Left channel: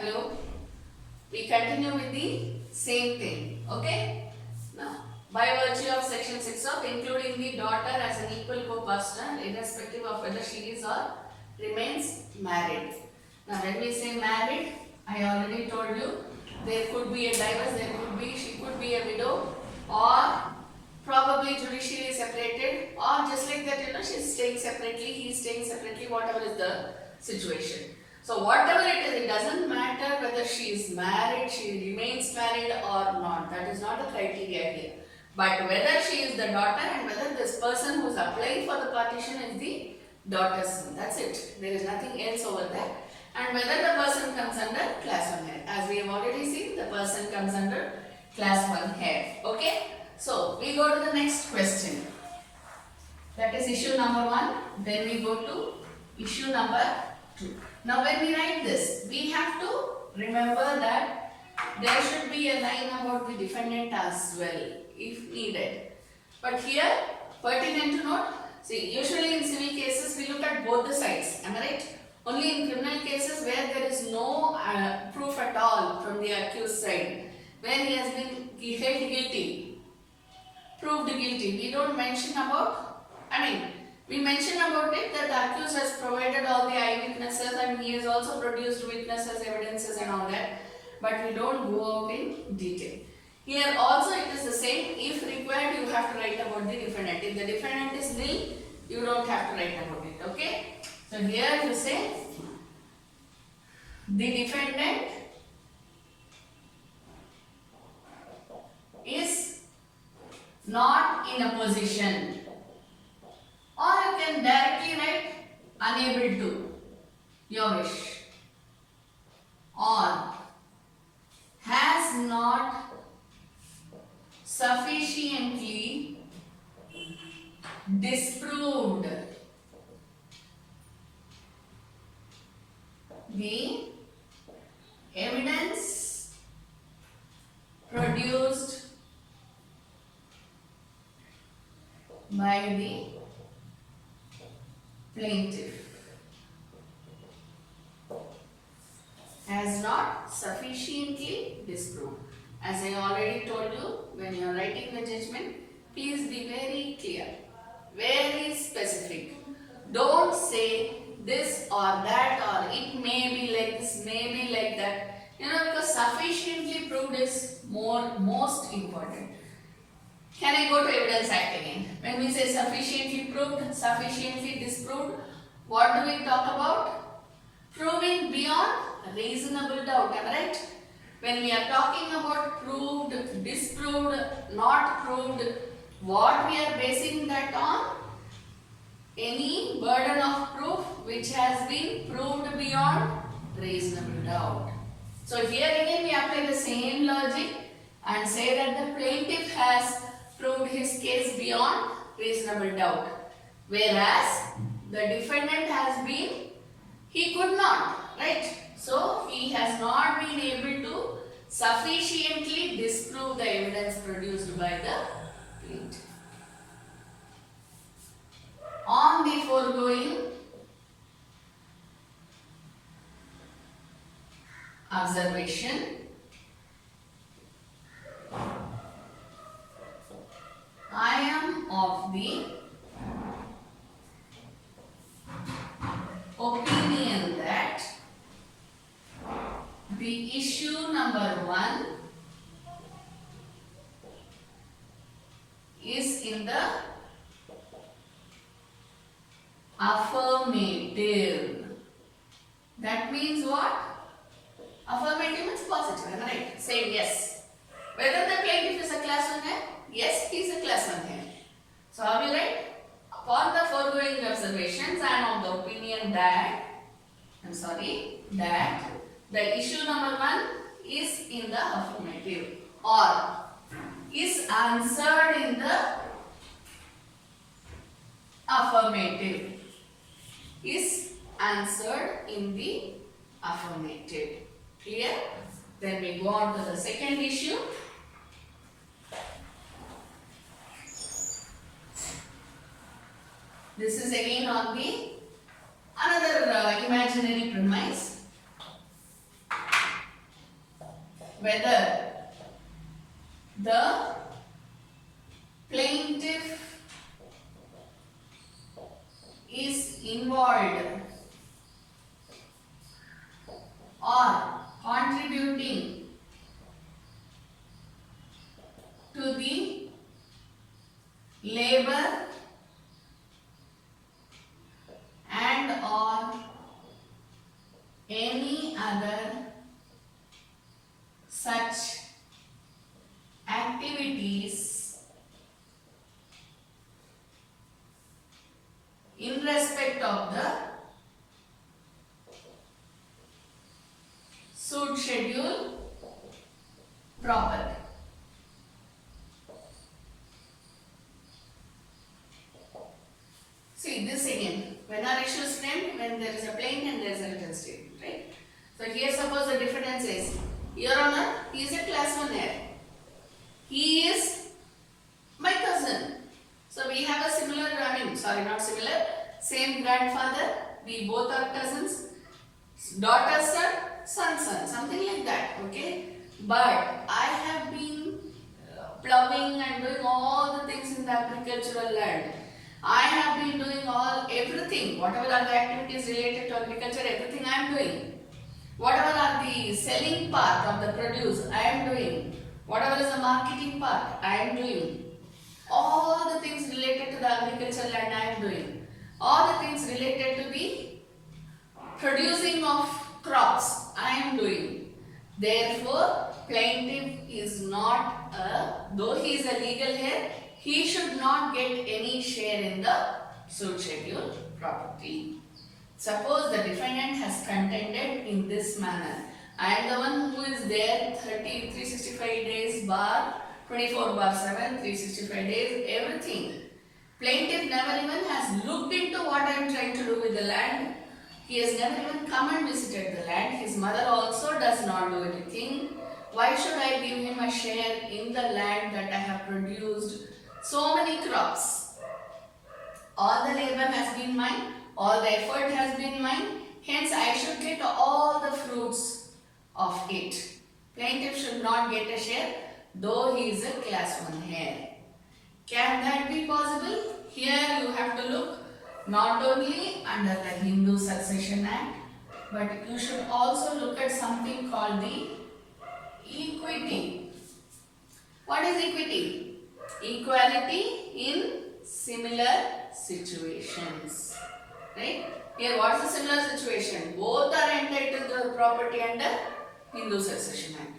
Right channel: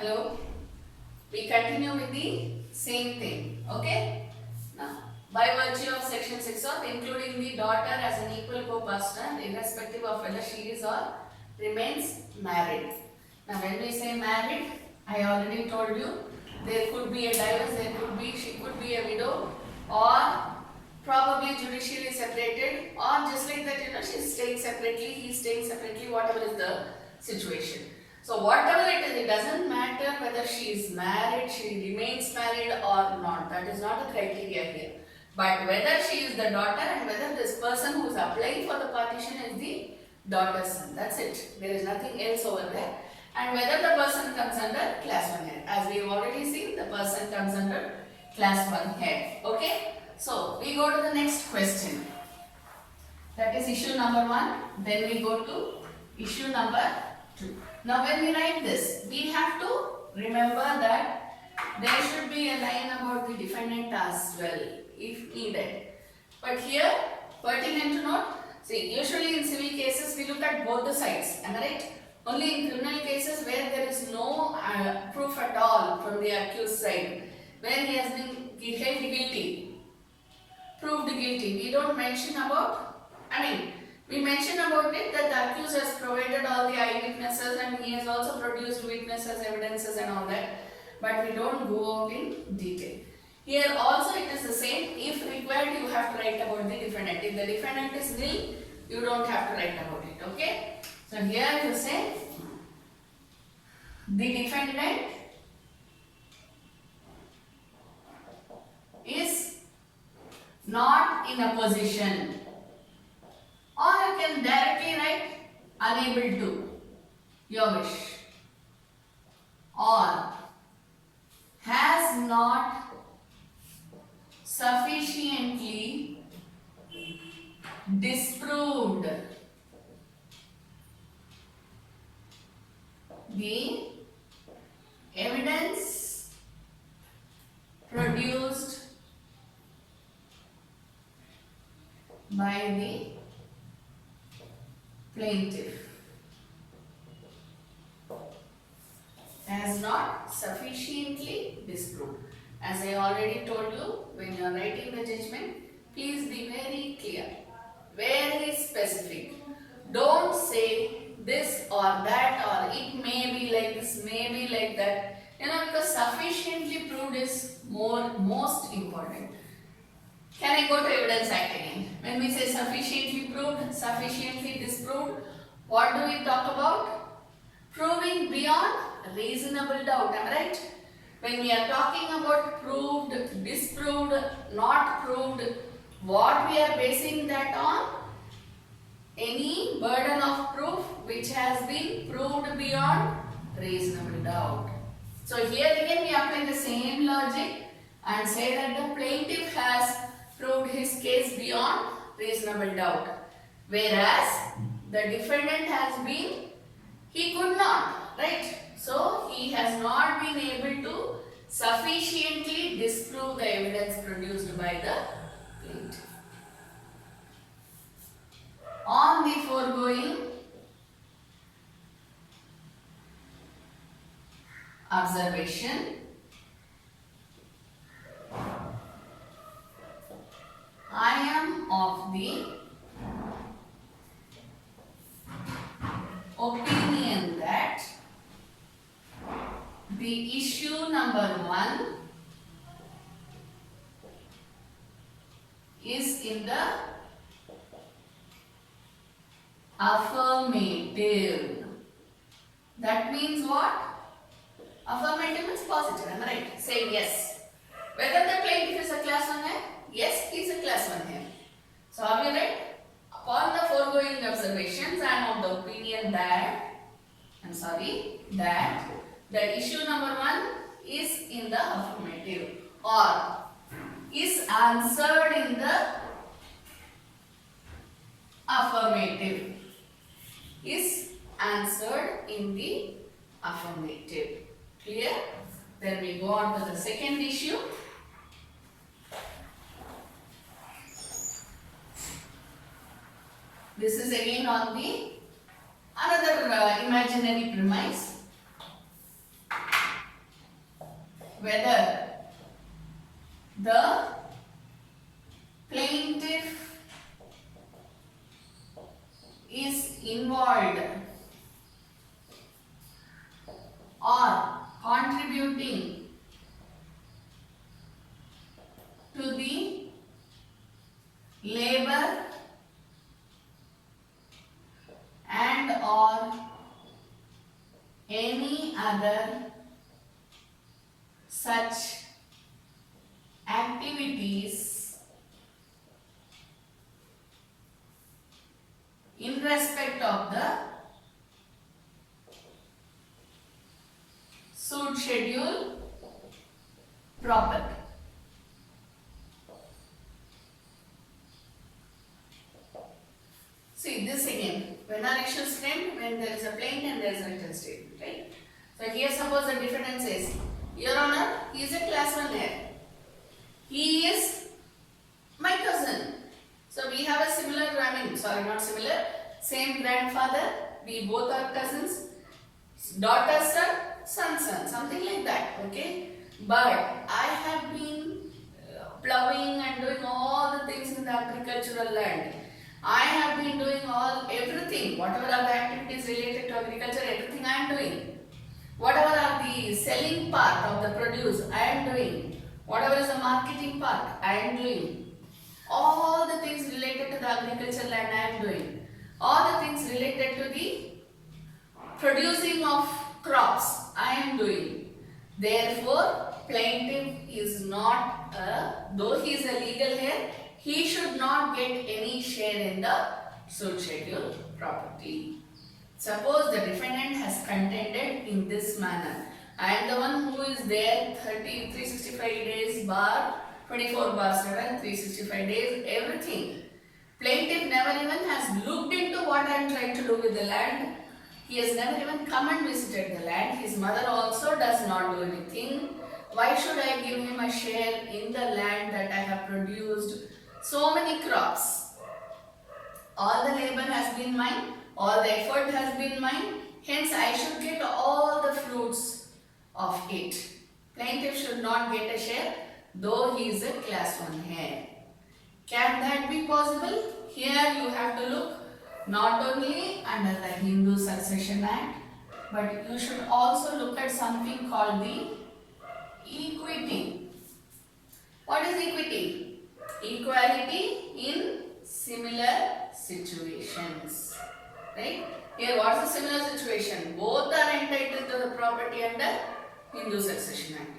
Hello. We continue with the same thing. Okay. Now, by virtue of section 6 of including the daughter as an equal co-partner irrespective of whether she is or remains married. Now, when we say married, I already told you there could be a divorce, she could be a widow, or probably judicially separated, or just like that, she's staying separately, he's staying separately, whatever is the situation. So whatever it is, it doesn't matter whether she is married, she remains married or not. That is not the criteria here. But whether she is the daughter and whether this person who is applying for the partition is the daughter's son. That's it. There is nothing else over there. And whether the person comes under class 1 head. As we have already seen, the person comes under class 1 head. Okay. So we go to the next question. That is issue number 1. Then we go to issue number 2. Now when we write this, we have to remember that there should be a line about the defendant as well if needed. But here, pertinent to note, see, usually in civil cases we look at both the sides, am I right? Only in criminal cases where there is no proof at all from the accused side, where he has been held guilty, proved guilty, we don't mention about, we mention about it that the accused has provided all the eyewitnesses and he has also produced witnesses, evidences and all that. But we don't go out in detail. Here also it is the same. If required, you have to write about the defendant. If the defendant is nil, you don't have to write about it. Okay? So here you say the defendant is not in a position. Or you can directly write unable to, your wish. Or has not sufficiently disproved the evidence produced by the plaintiff. Has not sufficiently disproved. As I already told you, when you are writing the judgment, please be very clear, very specific. Don't say this or that or it may be like this, may be like that. Because sufficiently proved is most important. Can I go to Evidence Act again? When we say sufficiently proved, sufficiently disproved, what do we talk about? Proving beyond reasonable doubt, am I right? When we are talking about proved, disproved, not proved, what we are basing that on? Any burden of proof which has been proved beyond reasonable doubt. So here again we apply the same logic and say that the plaintiff has proved his case beyond reasonable doubt. Whereas the defendant has been, he could not, right? So he has not been able to sufficiently disprove the evidence produced by the plaintiff. On the foregoing observation, I am of the opinion that the issue number 1 is in the affirmative. That means what? Affirmative means positive, am I right? Say yes. Whether the plaintiff is a class 1 head? Yes, he is a class 1 head. So have you read? Upon the foregoing observations, I am of the opinion that, that the issue number 1 is in the affirmative or is answered in the affirmative. Is answered in the affirmative. Clear? Then we go on to the second issue. This is again on the another imaginary premise. whether the plaintiff is involved or contributing to the labor and or any other such activities in respect of the suit schedule property. See this again, when are issues framed? When there is a plaint and there is a written statement, right? So here suppose the defendant says, Your Honor, he is a class 1 heir. He is my cousin. So we have a similar, not similar, same grandfather. We both are cousins. Daughter son, something like that, okay? But I have been plowing and doing all the things in the agricultural land. I have been doing everything, whatever are the activities related to agriculture, everything I am doing. Whatever are the selling part of the produce, I am doing. Whatever is the marketing part, I am doing. All the things related to the agricultural land, I am doing. All the things related to the producing of crops, I am doing. Therefore, plaintiff is not though he is a legal heir, he should not get any share in the suit schedule property. Suppose the defendant has contended in this manner. I am the one who is there 365 days bar 24 bar 7, 365 days, everything. Plaintiff never even has looked into what I am trying to do with the land. He has never even come and visited the land. His mother also does not do anything. Why should I give him a share in the land that I have produced so many crops? All the labor has been mine. All the effort has been mine. Hence, I should get all the fruits of it. Plaintiff should not get a share, though he is a class 1 heir. Can that be possible? Here you have to look not only under the Hindu Succession Act, but you should also look at something called the equity. What is equity? Equality in similar situations. Right? Here what is the similar situation? Both are entitled to the property under Hindu Succession Act.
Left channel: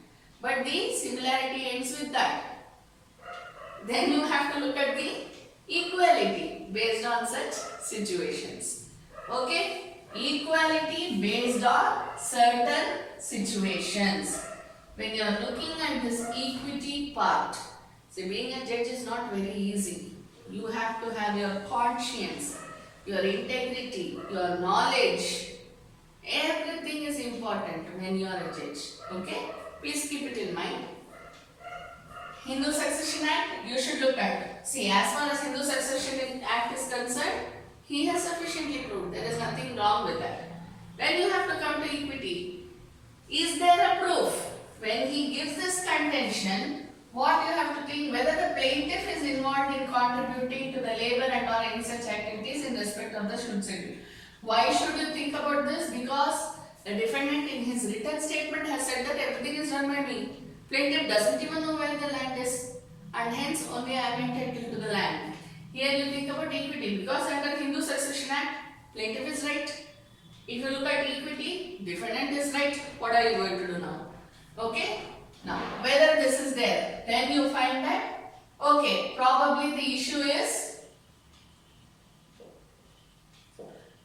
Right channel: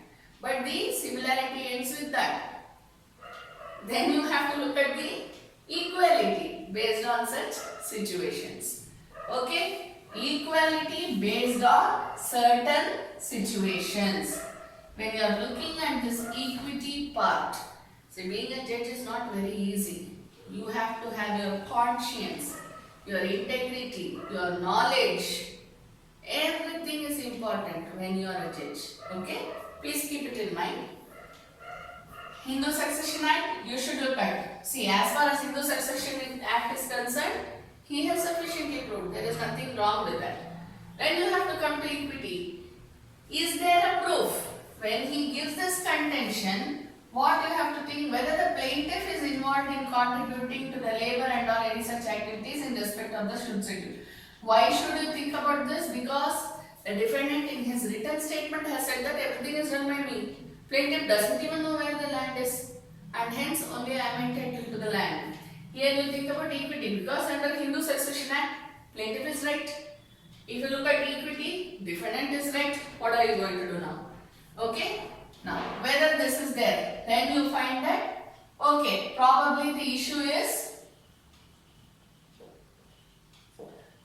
But the similarity ends with that. Then you have to look at the equality based on such situations. Okay? Equality based on certain situations. When you are looking at this equity part, see, being a judge is not very easy. You have to have your conscience, your integrity, your knowledge. Everything is important when you are a judge. Okay? Please keep it in mind. Hindu Succession Act, you should look at. See, as far as Hindu Succession Act is concerned, he has sufficiently proved. There is nothing wrong with that. Then you have to come to equity. Is there a proof? When he gives this contention, what you have to think, whether the plaintiff is involved in contributing to the labor and or any such activities in respect of the suit schedule. Why should you think about this? Because the defendant in his written statement has said that everything is done by me. Plaintiff doesn't even know where the land is, and hence only I am entitled to the land. Here you think about equity, because under Hindu Succession Act, plaintiff is right. If you look at equity, defendant is right. What are you going to do now? Okay? Now, whether this is there, then you find that, okay, probably the issue is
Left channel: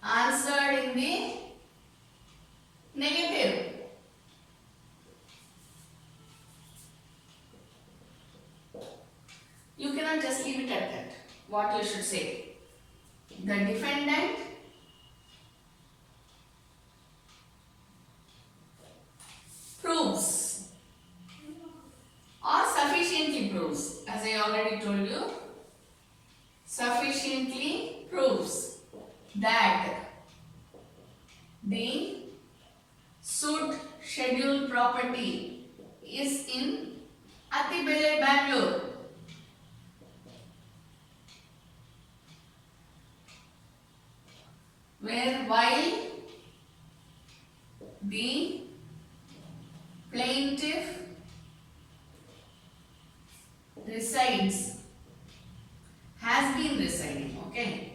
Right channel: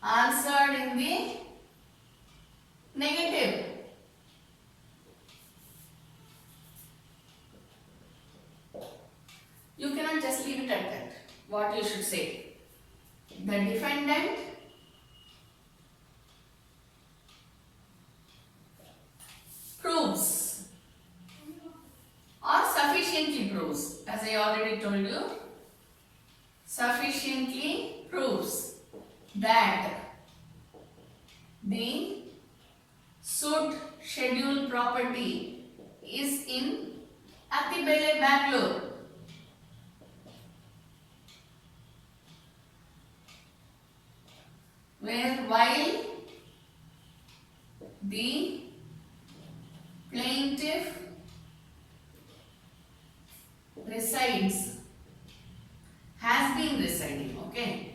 answered in the negative. You cannot just leave it at that. What you should say? The defendant proves or sufficiently proves, as I already told you, sufficiently proves that the suit schedule property is in Attibele, Bangalore. Where while the plaintiff resides, has been residing, okay,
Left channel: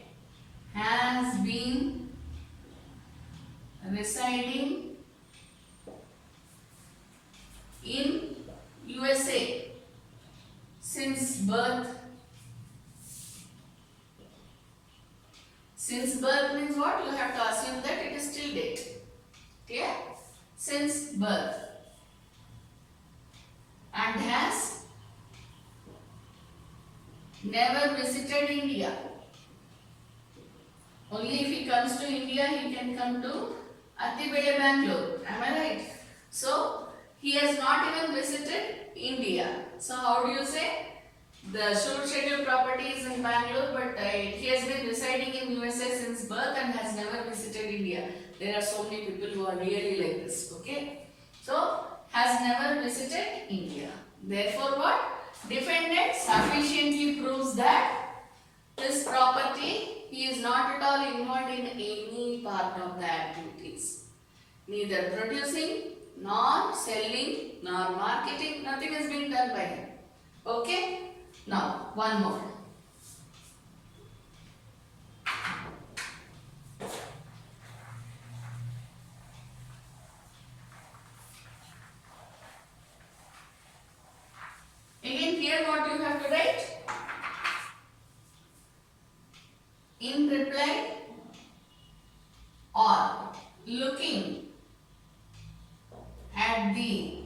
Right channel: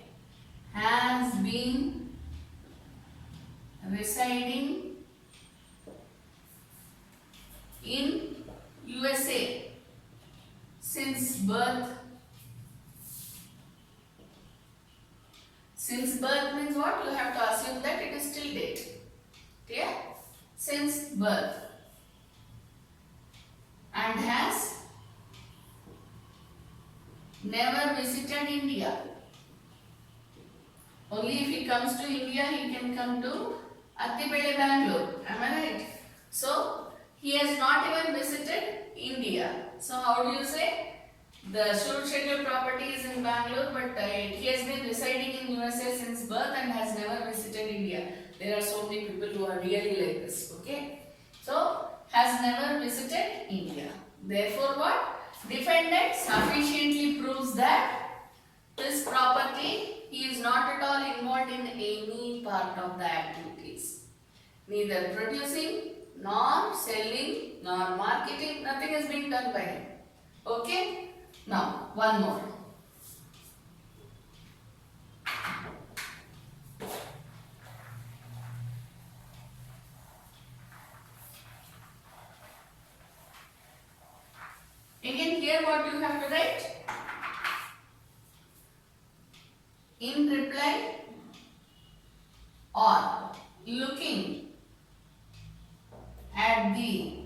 has been residing in USA since birth. Since birth means what? You have to assume that it is till date. Clear? Since birth. And has never visited India. Only if he comes to India, he can come to Attibele, Bangalore. Am I right? So, he has not even visited India. So, how do you say? The short scheduled property is in Bangalore, but he has been residing in USA since birth and has never visited India. There are so many people who are really like this. Okay? So, has never visited India. Therefore, what? Defendant sufficiently proves that this property, he is not at all involved in any part of the activities. Neither producing, nor selling, nor marketing, nothing is being done by him. Okay? Now, one more. Again, here what you have to write? In reply or looking at the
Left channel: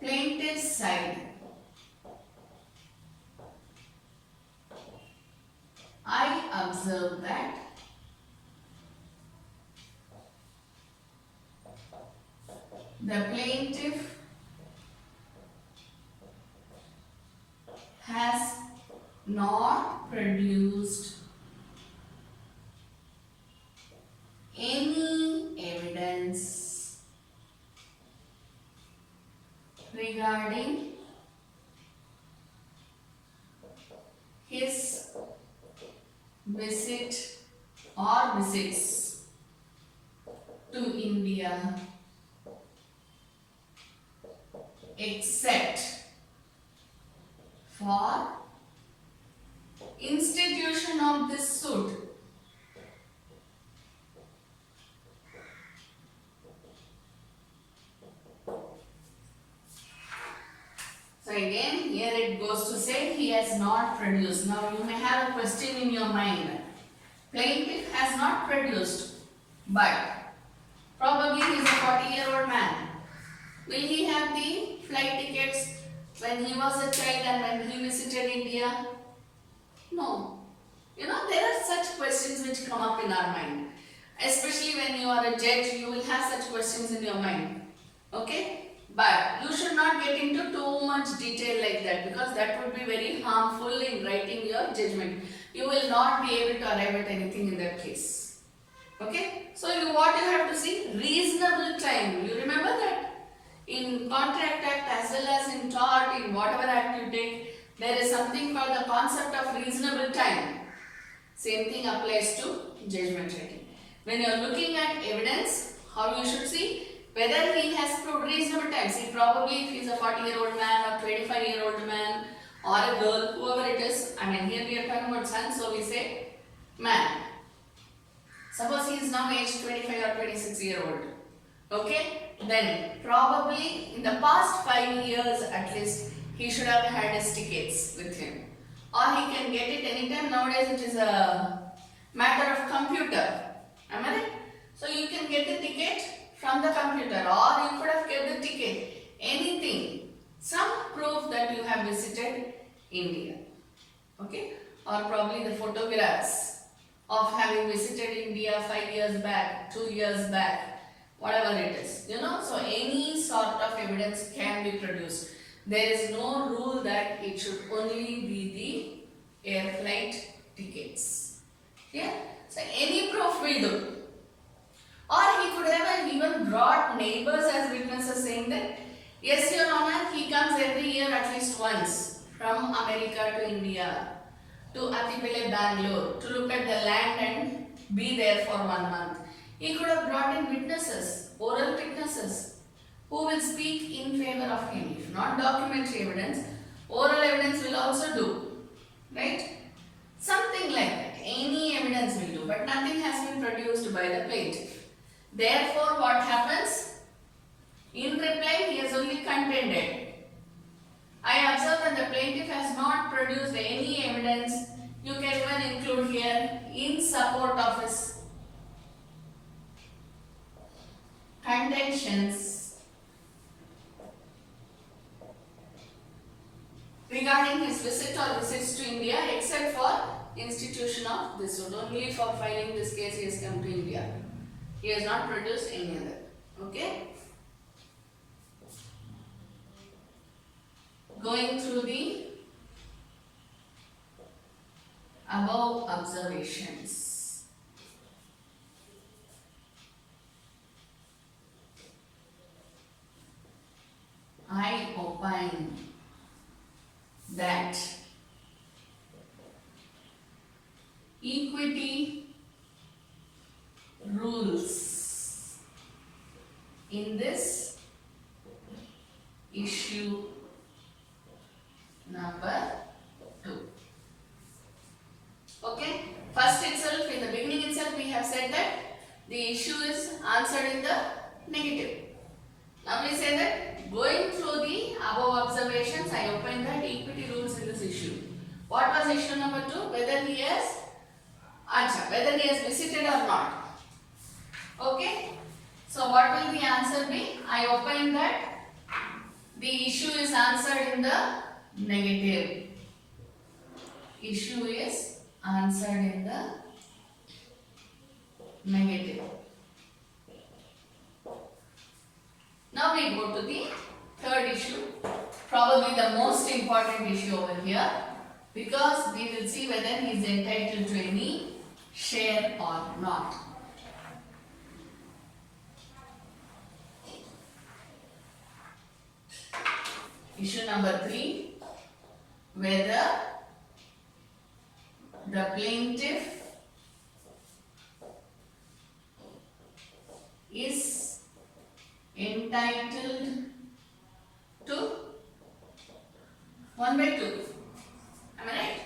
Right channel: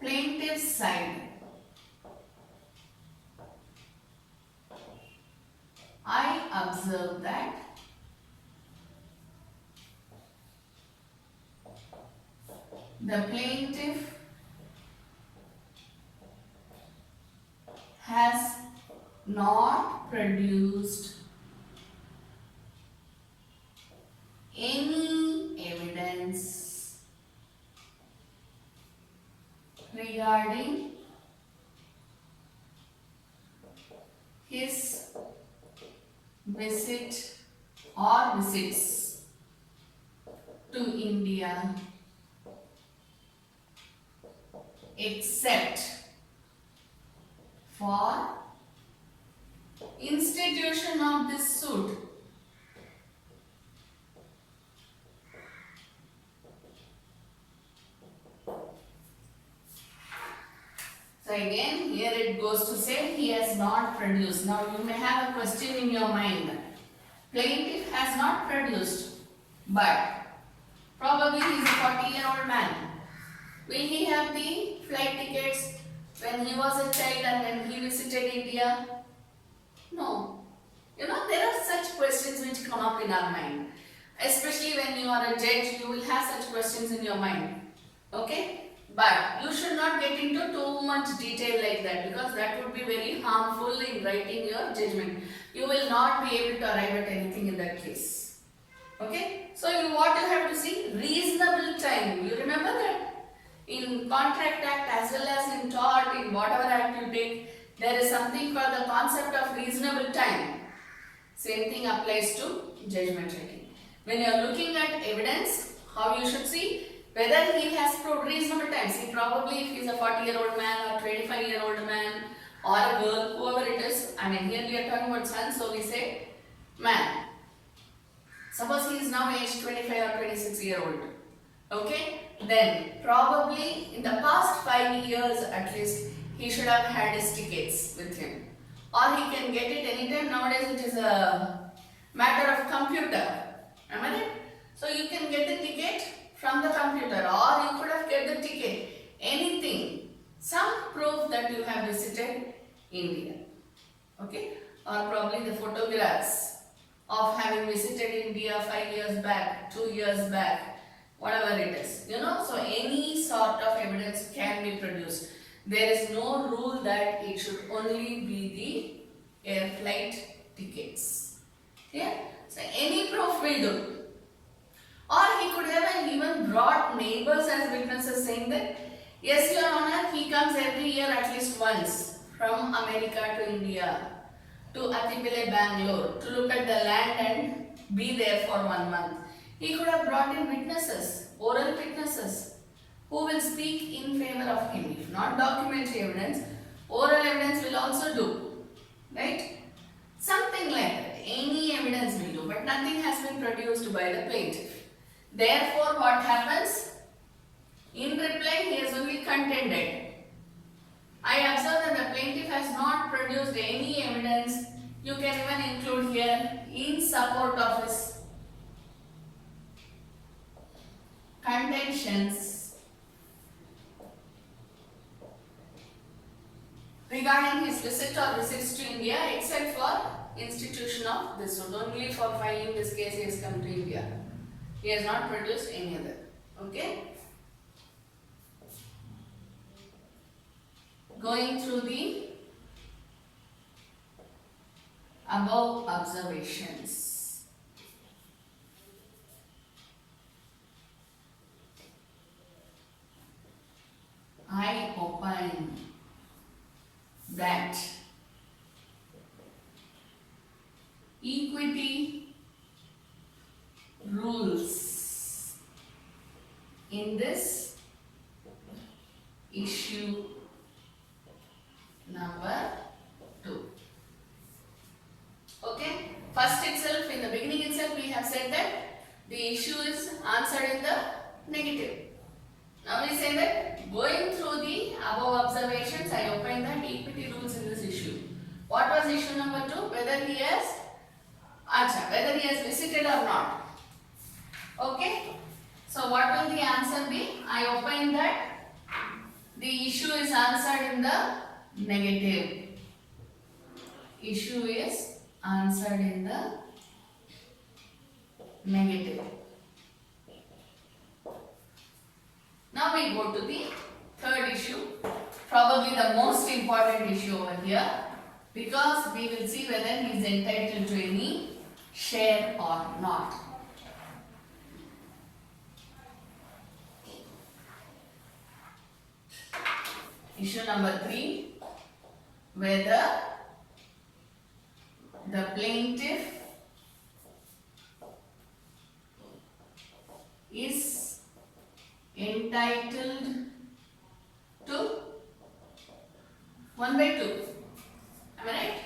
plaintiff's side, I observe that the plaintiff has not produced any evidence regarding his visit or visits to India except for institution of this suit. So again, here it goes to say he has not produced. Now you may have a question in your mind. Plaintiff has not produced, but probably he is a 40-year-old man. Will he have the flight tickets when he was a child and when he visited India? No. You know, there are such questions which come up in our mind. Especially when you are a judge, you will have such questions in your mind. Okay? But you should not get into too much detail like that, because that would be very harmful in writing your judgment. You will not be able to arrive at anything in that case. Okay? So what you have to see? Reasonable time. You remember that? In Contract Act as well as in tort, in whatever act you take, there is something called the concept of reasonable time. Same thing applies to judgment writing. When you are looking at evidence, how you should see? Whether he has proved reasonable time. See, probably if he is a 40-year-old man or 25-year-old man or a girl, whoever it is. I mean, here we are talking about son, so we say man. Suppose he is now aged 25 or 26-year-old. Okay? Then probably in the past 5 years at least, he should have had his tickets with him. Or he can get it anytime. Nowadays it is a matter of computer. Am I right? So you can get the ticket from the computer, or you could have get the ticket. Anything. Some proof that you have visited India. Okay? Or probably the photographs of having visited India 5 years back, 2 years back, whatever it is. You know, so any sort of evidence can be produced. There is no rule that it should only be the air flight tickets. Yeah? So any proof will do. Or he could have even neighbors as witnesses saying that, yes, Your Honor, he comes every year at least once from America to India to Attipele, Bangalore to look at the land and be there for 1 month. He could have brought in witnesses, oral witnesses, who will speak in favor of him. If not documentary evidence, oral evidence will also do, right? Something like that. Any evidence will do, but nothing has been produced by the plaintiff. Therefore, what happens? In reply, he has only contended. I observe that the plaintiff has not produced any evidence. You can even include here in support of his contentions regarding his visit or visits to India, except for institution of this one. Only for filing this case he has come to India. He has not produced any other. Okay? Going through the above observations. I opine that equity rules in this issue number 2. Okay, first itself, in the beginning itself, we have said that the issue is answered in the negative. Now we say that going through the above observations, I opine that equity rules in this issue. What was issue number 2? Whether he has visited or not. Okay, so what will the answer be? I opine that the issue is answered in the negative. Issue is answered in the negative. Now we go to the third issue, probably the most important issue over here, because we will see whether he is entitled to any share or not. Issue number 3, whether the plaintiff is entitled to 1/2. Am I right?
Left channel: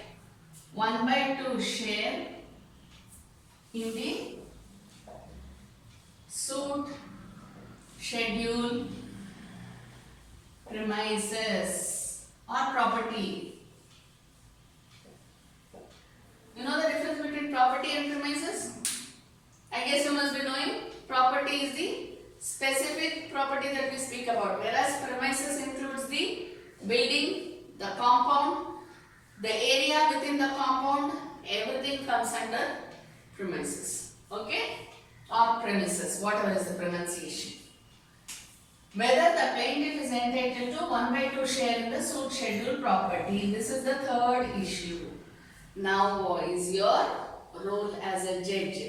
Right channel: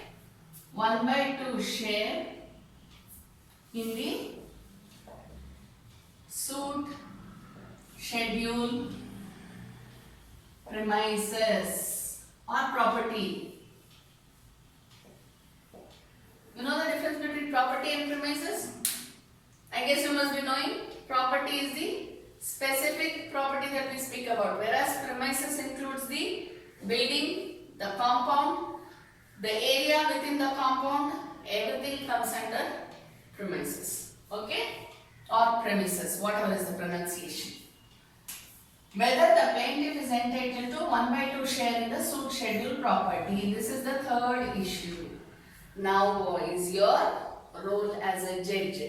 1/2 share in the suit schedule premises or property. You know the difference between property and premises? I guess you must be knowing property is the specific property that we speak about, whereas premises includes the building, the compound, the area within the compound, everything comes under premises. Okay? Or premises, whatever is the pronunciation. Whether the plaintiff is entitled to 1/2 share in the suit schedule property. This is the third issue. Now boys, your role as a judge.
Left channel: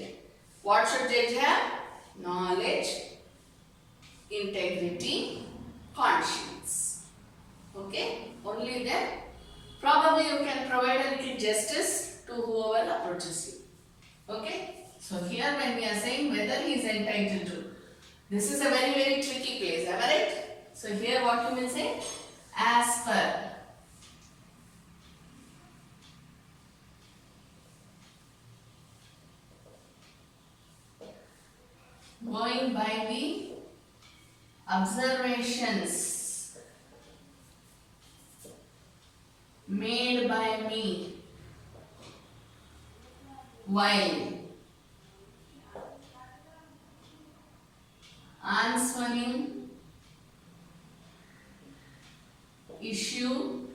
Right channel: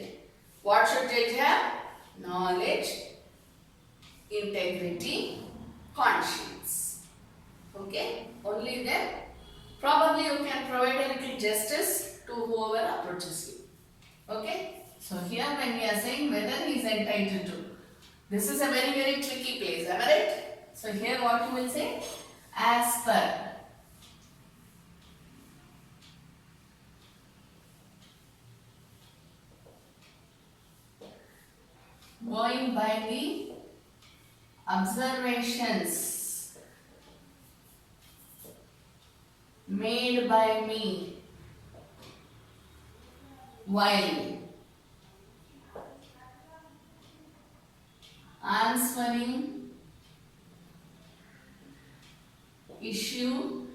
What should judge have? Knowledge, integrity, conscience. Okay? Only then probably you can provide a little justice to whoever approaches you. Okay? So here when we are saying whether he is entitled to, this is a very tricky place, am I right? So here what you will say? As per. Going by the observations made by me while answering issue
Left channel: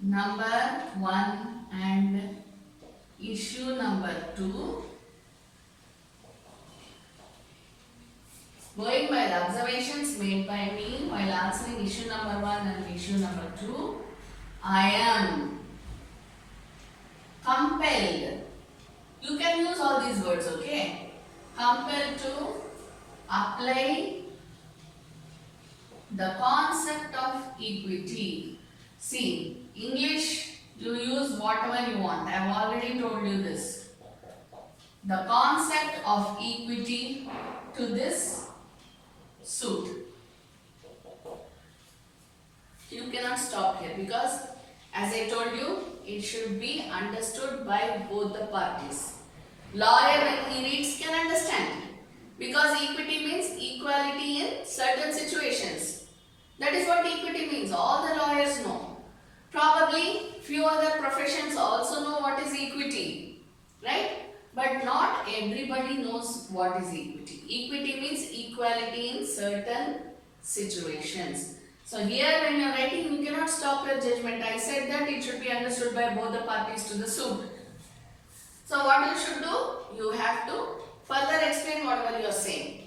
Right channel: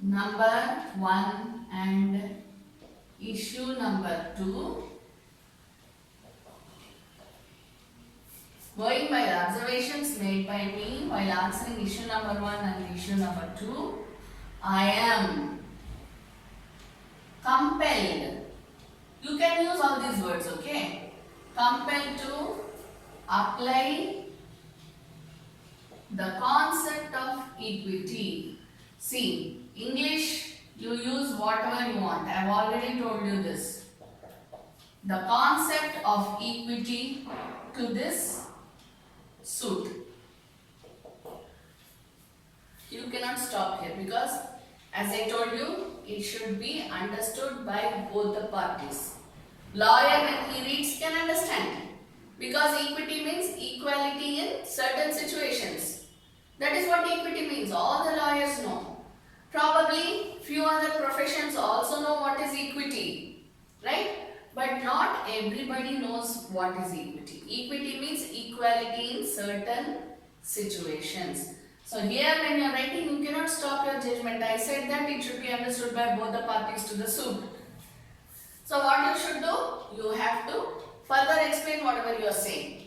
number 1 and issue number 2, going by the observations made by me while answering issue number 1 and issue number 2, I am compelled. You can use all these words, okay? Compelled to apply the concept of equity. See, English, you use whatever you want. I have already told you this. The concept of equity to this suit. You cannot stop here because, as I told you, it should be understood by both the parties. Lawyer, when he reads, can understand, because equity means equality in certain situations. That is what equity means. All the lawyers know. Probably few other professions also know what is equity, right? But not everybody knows what is equity. Equity means equality in certain situations. So here when you are writing, you cannot stop your judgment. I said that it should be understood by both the parties to the suit. So what you should do? You have to further explain whatever you are saying.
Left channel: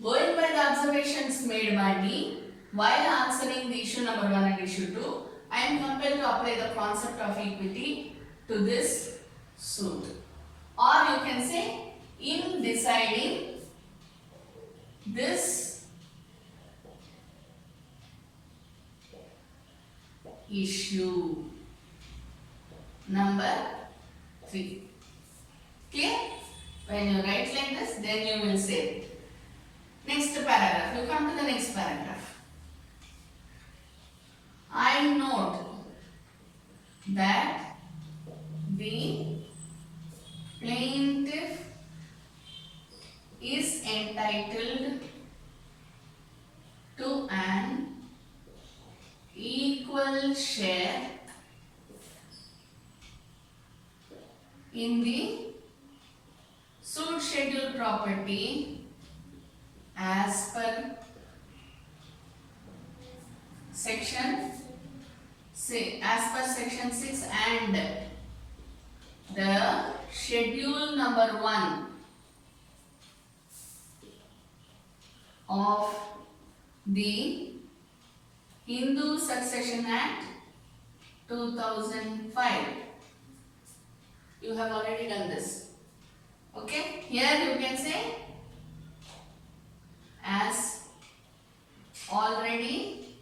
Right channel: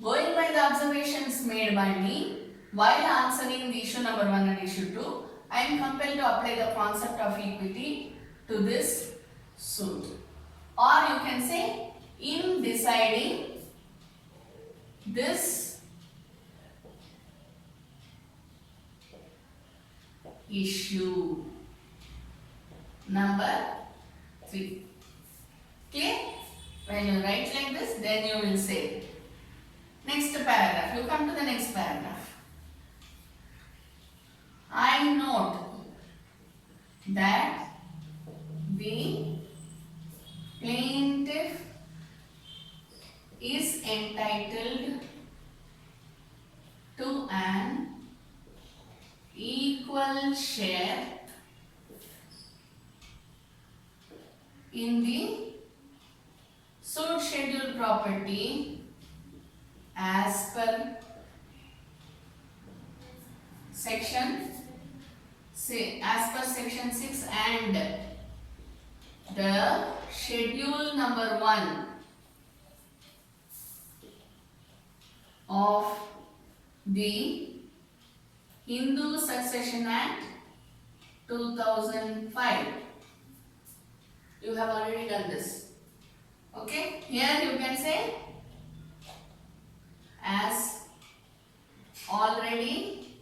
Going by the observations made by me while answering the issue number 1 and issue 2, I am compelled to apply the concept of equity to this suit. Or you can say, in deciding this issue number 3. Okay? When you write like this, then you will say. Next paragraph. You come to the next paragraph. I note that the plaintiff is entitled to an equal share in the suit schedule property as per section 6 and the schedule number 1 of the Hindu Succession Act 2005. You have already done this. Okay, here you can say, as already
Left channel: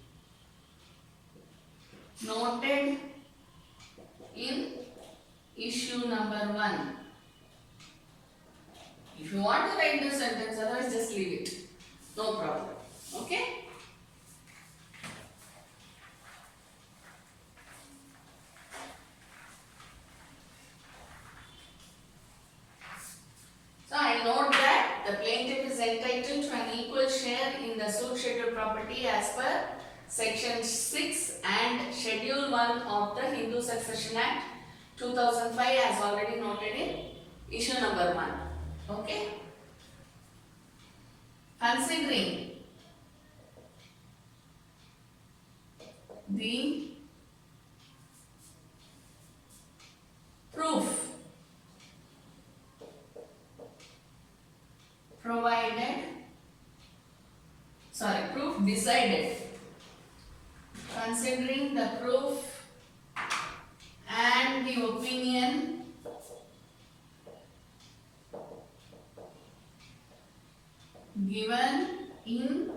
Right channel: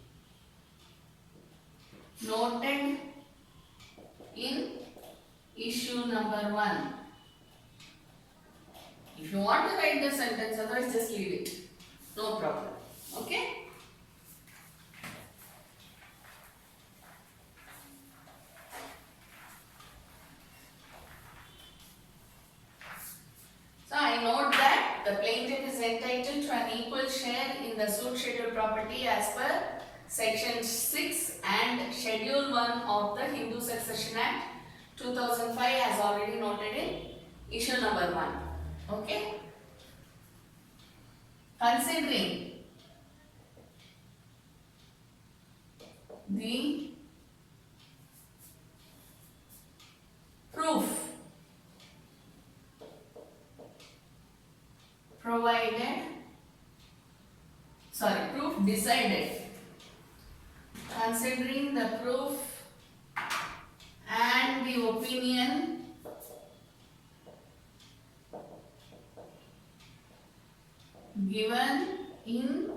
noted in issue number 1. If you want to write the sentence, otherwise just leave it. No problem. Okay. So I note that the plaintiff is entitled to an equal share in the suit schedule property as per section 6 and schedule 1 of the Hindu Succession Act 2005 as already noted in issue number 1. Okay. Considering the proof decided, considering the proof and the opinion given in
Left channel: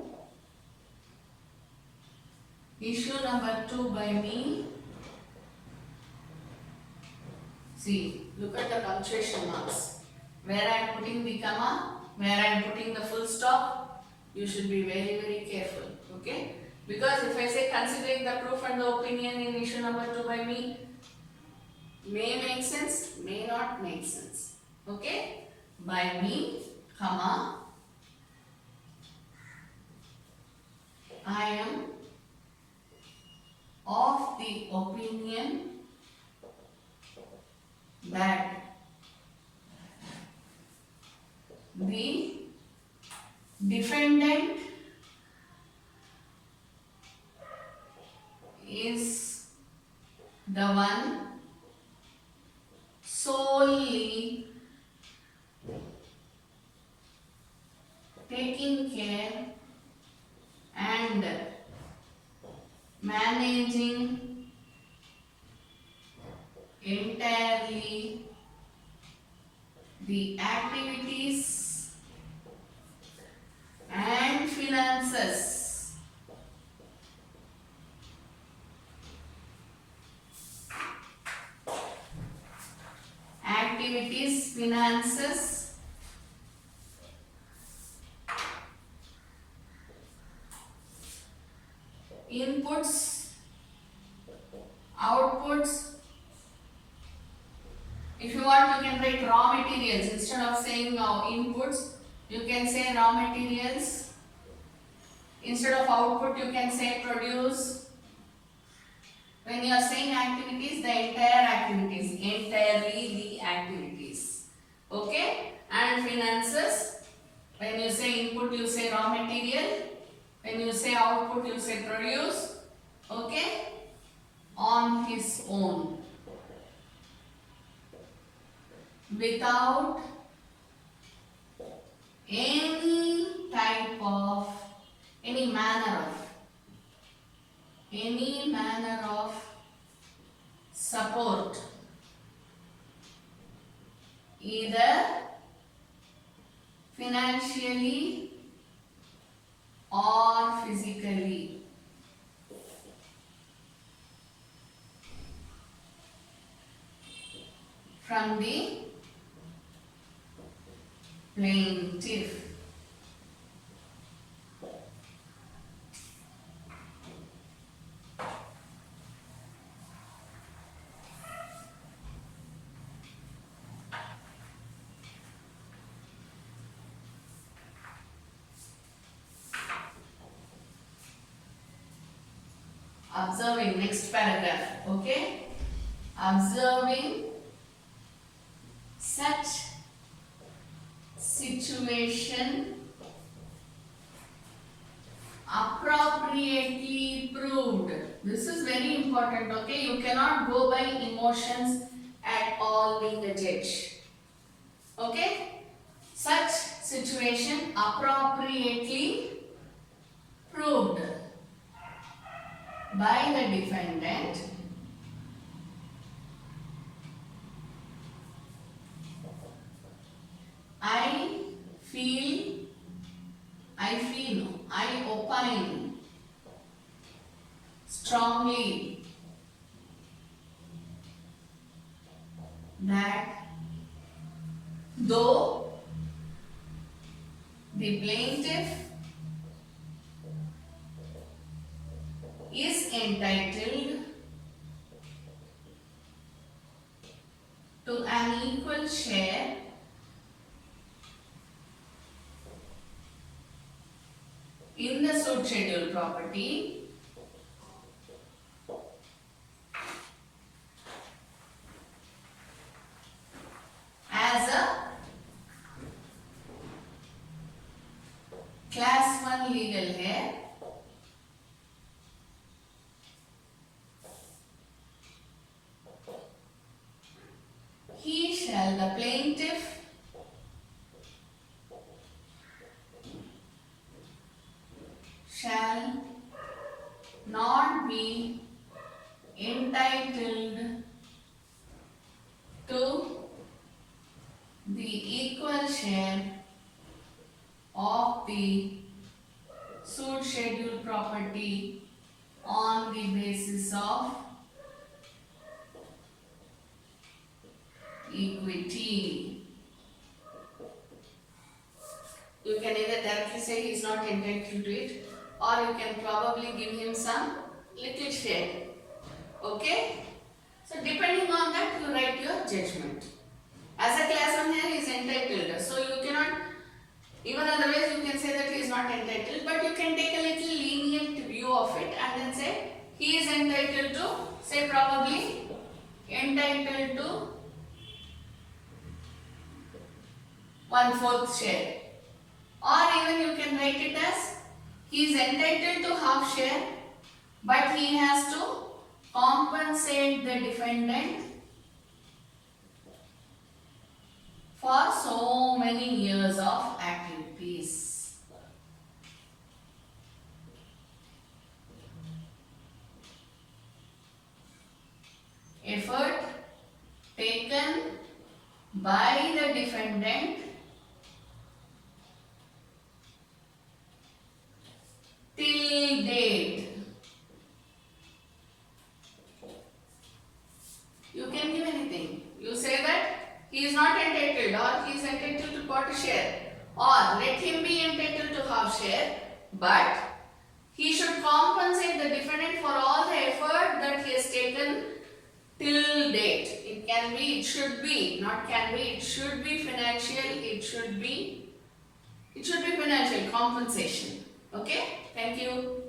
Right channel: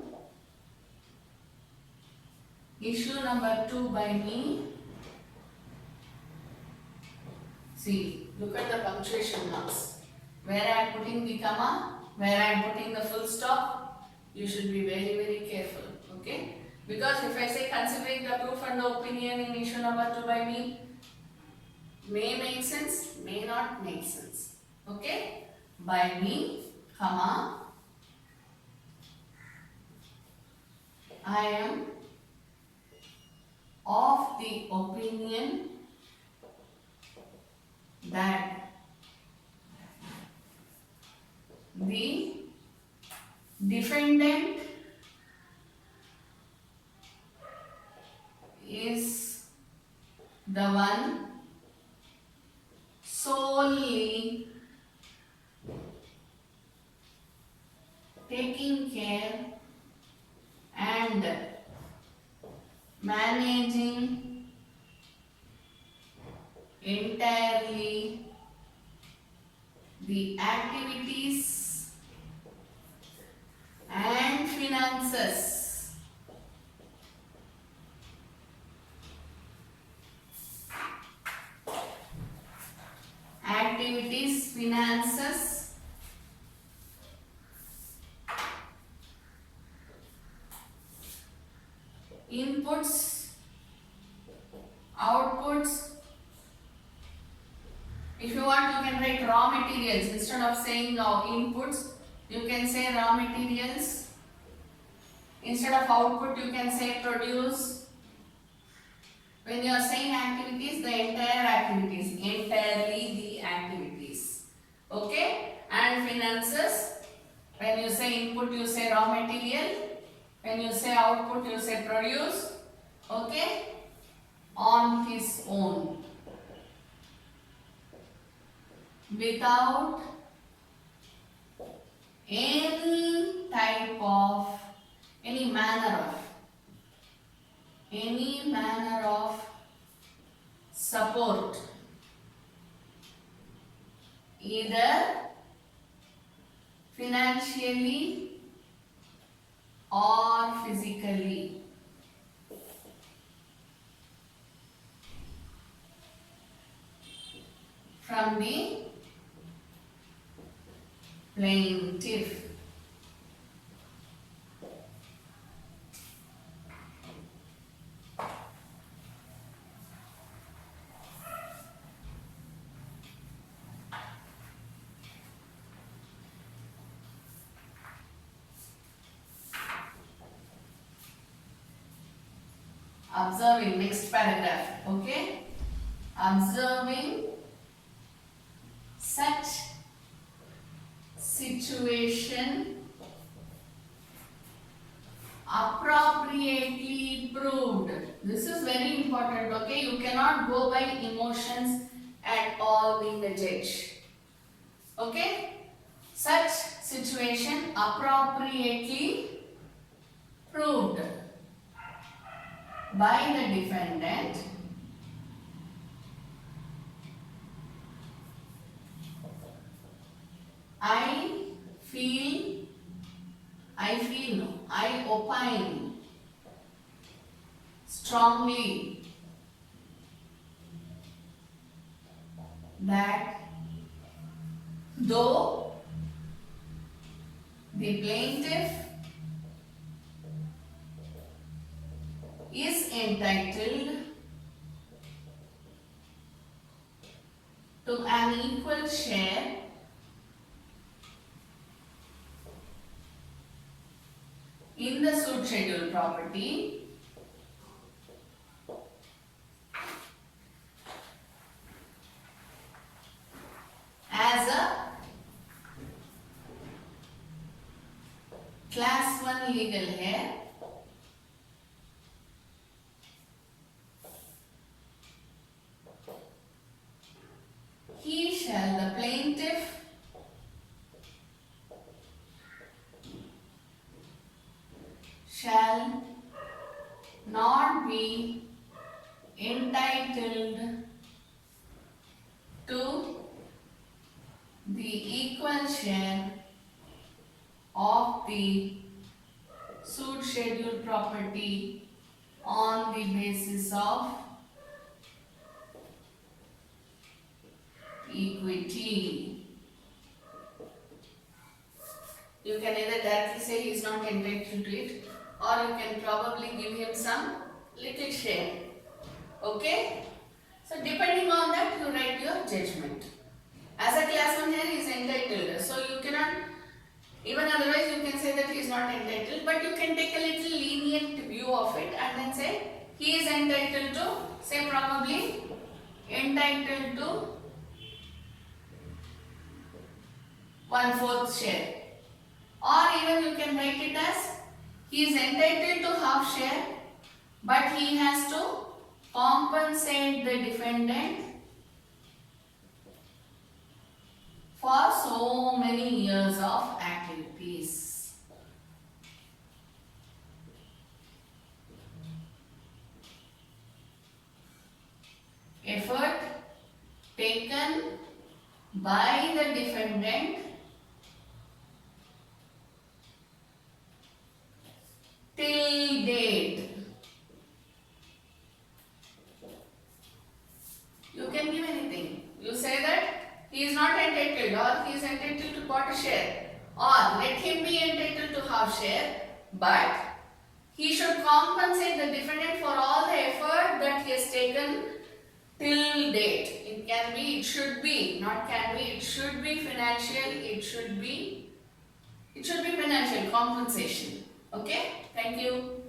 issue number 2 by me. See, look at the punctuation marks. Where I am putting the comma, where I am putting the full stop, you should be very, very careful. Okay? Because if I say considering the proof and the opinion in issue number 2 by me, may make sense, may not make sense. Okay? By me, comma, I am of the opinion that the defendant is the one solely taking care and managing entirely the activities finances, inputs, outputs. If you want, you can write raw materials. Instead of saying inputs, you can say raw materials. Instead of output, you can say produce. When you are saying activities, the entire activities, entirely the activities. Okay? And finances, when you say input, you say raw material. When you say output, you say produce. Okay? On his own. Without any type of, any manner of support, either financially or physically. From the plaintiff. Observing, next paragraph, okay? Observing such situation appropriately proved. This is very important, okay? You cannot go by emotions at all being a judge. Okay? Such situation appropriately proved by the defendant I opine strongly that though the plaintiff is entitled to an equal share in the suit schedule property, as a class 1 legal heir, the plaintiff shall not be entitled to the equal share of the suit schedule property on the basis of equity. You can either directly say he is not entitled to it, or you can probably give him some little share. Okay? So depending on that, you write your judgment. As a class 1 here, he is entitled. So you cannot, even otherwise you can say that he is not entitled, but you can take a little lenient view of it and then say he is entitled to, say probably entitled to 1/4 share. Or even you can write it as he is entitled to half share, but he has to compensate the defendant for so many years of activities. Effort taken by the defendant till date. You can give anything. You say that he he is not entitled, or he is entitled to quarter share, or let him be entitled to half share, but he should compensate the defendant for all the effort that he has taken till date. It can be, it should be, not can be, it should be financial, it should be financial compensation. Okay, thank you.